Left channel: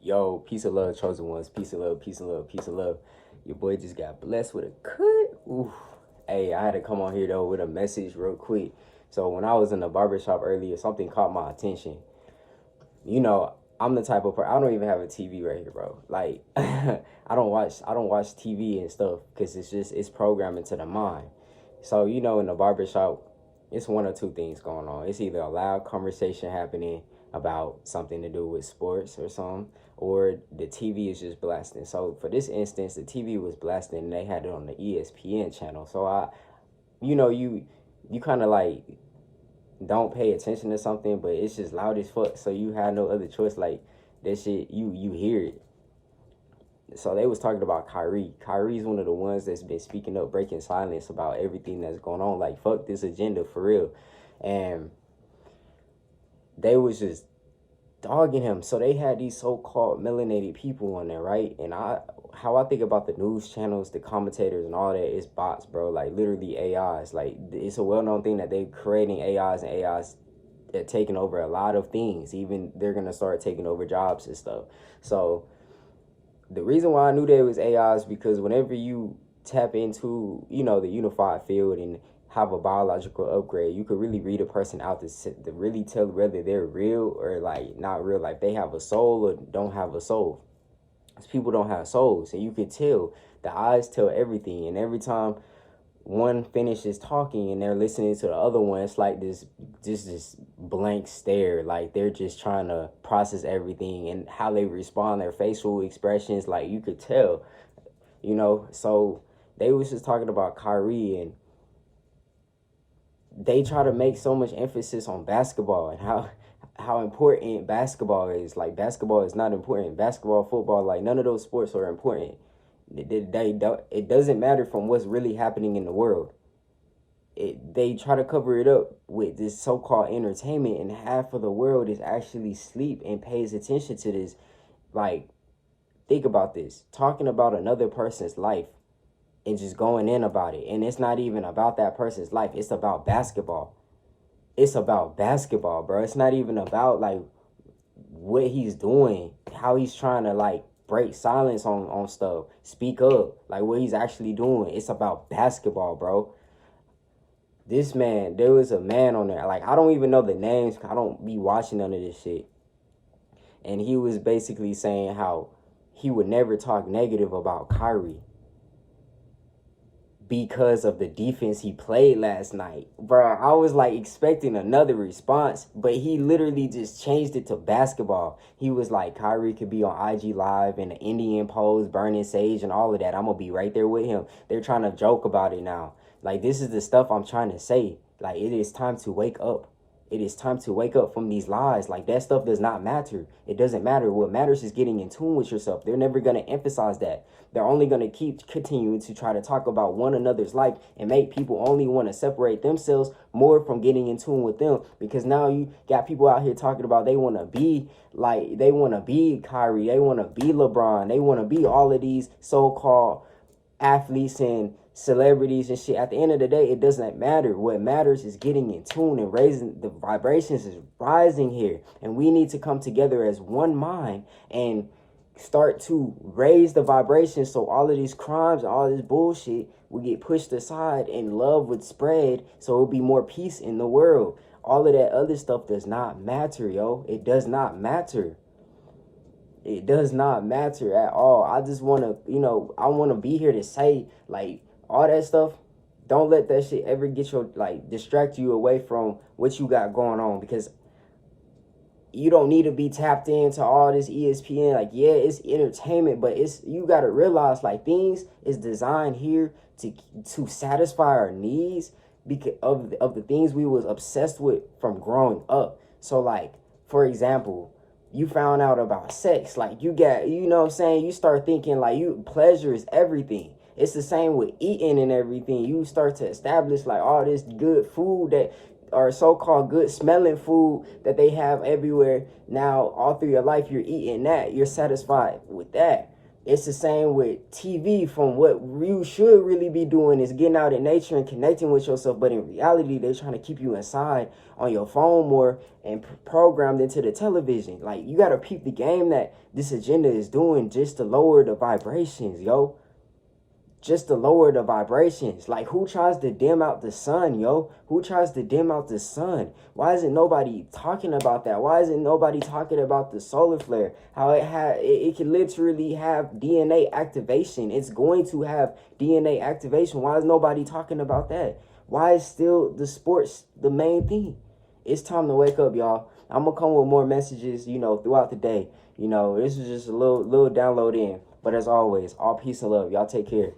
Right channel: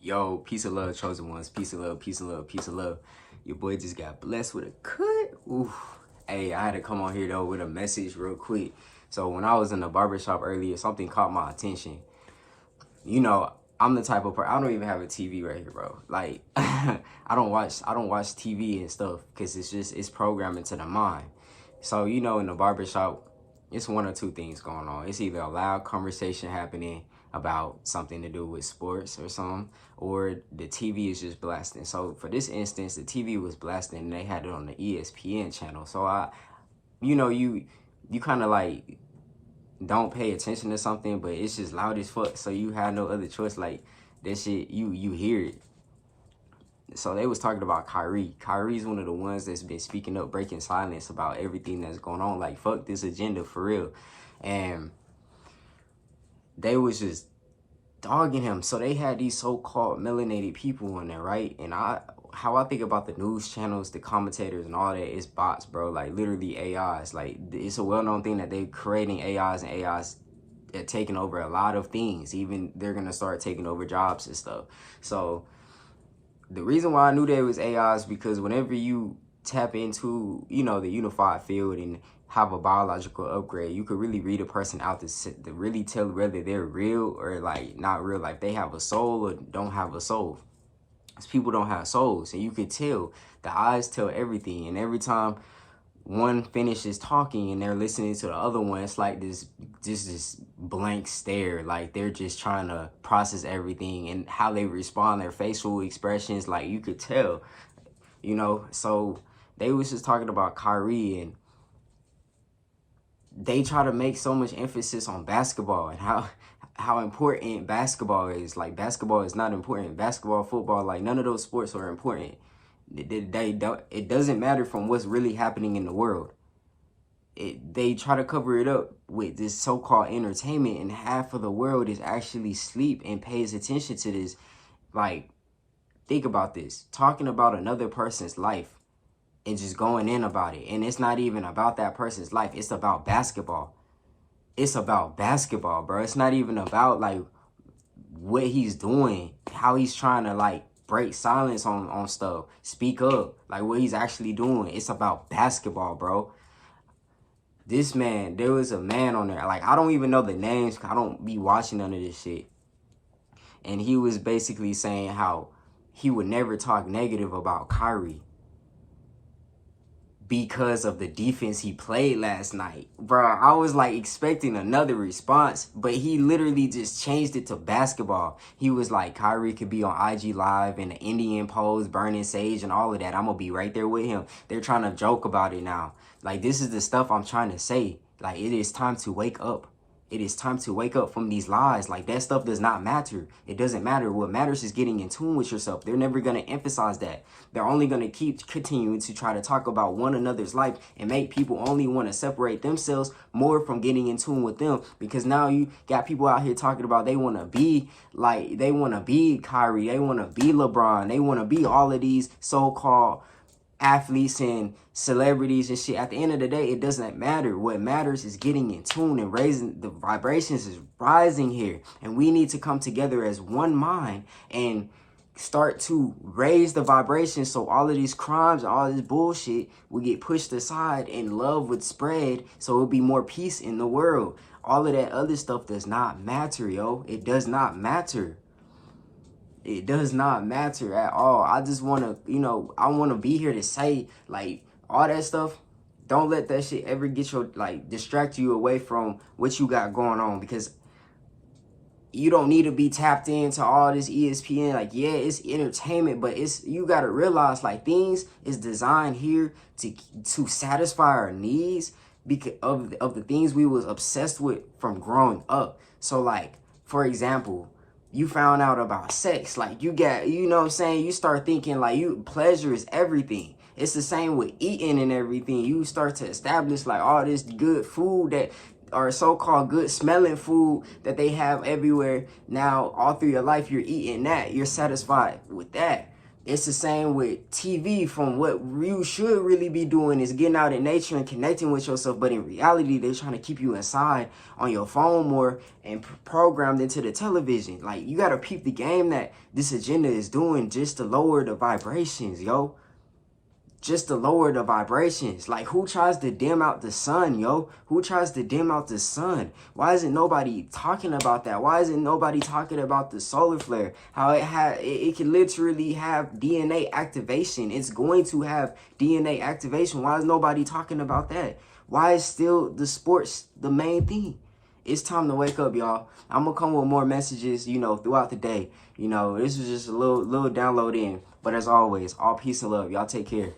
Yo, peace of love, chosen ones. Peace of love, peace of love, peace of love. Your boy just got blessed with a cut. Oof. Hey, I had to come on here though with a message real quick. So when I was in the barbershop earlier, something caught my attention. You know, I'm the type of person, I don't even have a TV right here, bro. Like I don't watch TV and stuff because it's programming to the mind. So, in the barbershop, it's one or two things going on. It's either a loud conversation happening about something to do with sports or something, or the TV is just blasting. So for this instance, the TV was blasting and they had it on the ESPN channel. So you kind of like don't pay attention to something, but it's just loud as fuck. So you have no other choice. Like that shit, you hear it. So they was talking about Kyrie. Kyrie's one of the ones that's been speaking up, breaking silence about everything that's going on. Like, fuck this agenda for real. And they was just dogging him. So they had these so-called melanated people on there, right? And how I think about the news channels, the commentators and all that is bots, bro. Like literally AIs. Like it's a well-known thing that they're creating AIs, and AIs are taking over a lot of things. Even they're gonna start taking over jobs and stuff. So the reason why I knew that it was AI is because whenever you tap into, the unified field and have a biological upgrade, you could really read a person out to really tell whether they're real or like not real, like they have a soul or don't have a soul. Because people don't have souls, and you could tell. The eyes tell everything, and every time one finishes talking and they're listening to the other one, it's like this blank stare, like they're just trying to process everything and how they respond, their facial expressions, like you could tell, so they was just talking about Kyrie, and they try to make so much emphasis on basketball and how important basketball is. Like basketball is not important. Basketball, football, like none of those sports are important. They don't. It doesn't matter from what's really happening in the world. They try to cover it up with this so-called entertainment, and half of the world is actually asleep and pays attention to this. Like, think about this: talking about another person's life and just going in about it, and it's not even about that person's life. It's about basketball. It's about basketball, bro. It's not even about like what he's doing, how he's trying to like break silence on stuff, speak up, like what he's actually doing. It's about basketball, bro. This man, there was a man on there, like I don't even know the names, I don't be watching none of this shit. And he was basically saying how he would never talk negative about Kyrie because of the defense he played last night. Bro, I was like expecting another response, but he literally just changed it to basketball. He was like, Kyrie could be on IG Live in the Indian pose, burning sage and all of that. I'm going to be right there with him. They're trying to joke about it now. Like, this is the stuff I'm trying to say. Like, it is time to wake up. It is time to wake up from these lies. Like, that stuff does not matter. It doesn't matter. What matters is getting in tune with yourself. They're never going to emphasize that. They're only going to keep continuing to try to talk about one another's life and make people only want to separate themselves more from getting in tune with them. Because now you got people out here talking about they want to be like, they want to be Kyrie. They want to be LeBron. They want to be all of these so-called athletes and celebrities and shit. At the end of the day, it doesn't matter. What matters is getting in tune and raising the vibrations is rising here, and we need to come together as one mind and start to raise the vibrations, so all of these crimes and all this bullshit would get pushed aside and love would spread, so it would be more peace in the world. All of that other stuff does not matter, yo. It does not matter. It does not matter at all. I just want to, I want to be here to say, like, all that stuff. Don't let that shit ever get your, like, distract you away from what you got going on, because you don't need to be tapped into all this ESPN. Like, yeah, it's entertainment, but you got to realize, like, things is designed here to satisfy our needs because of the things we was obsessed with from growing up. So, like, for example, you found out about sex, like you got, you know what I'm saying? You start thinking like pleasure is everything. It's the same with eating and everything. You start to establish like all this good food that are so-called good smelling food that they have everywhere. Now, all through your life, you're eating that. You're satisfied with that. It's the same with TV. From what you should really be doing is getting out in nature and connecting with yourself. But in reality, they're trying to keep you inside on your phone more and programmed into the television. Like, you got to peep the game that this agenda is doing just to lower the vibrations, yo. Just to lower the vibrations. Like, who tries to dim out the sun, yo? Who tries to dim out the sun? Why isn't nobody talking about that? Why isn't nobody talking about the solar flare? How it can literally have DNA activation. It's going to have DNA activation. Why is nobody talking about that? Why is still the sports the main thing? It's time to wake up, y'all. I'm gonna come with more messages, throughout the day. This was just a little download in. But as always, all peace and love. Y'all take care.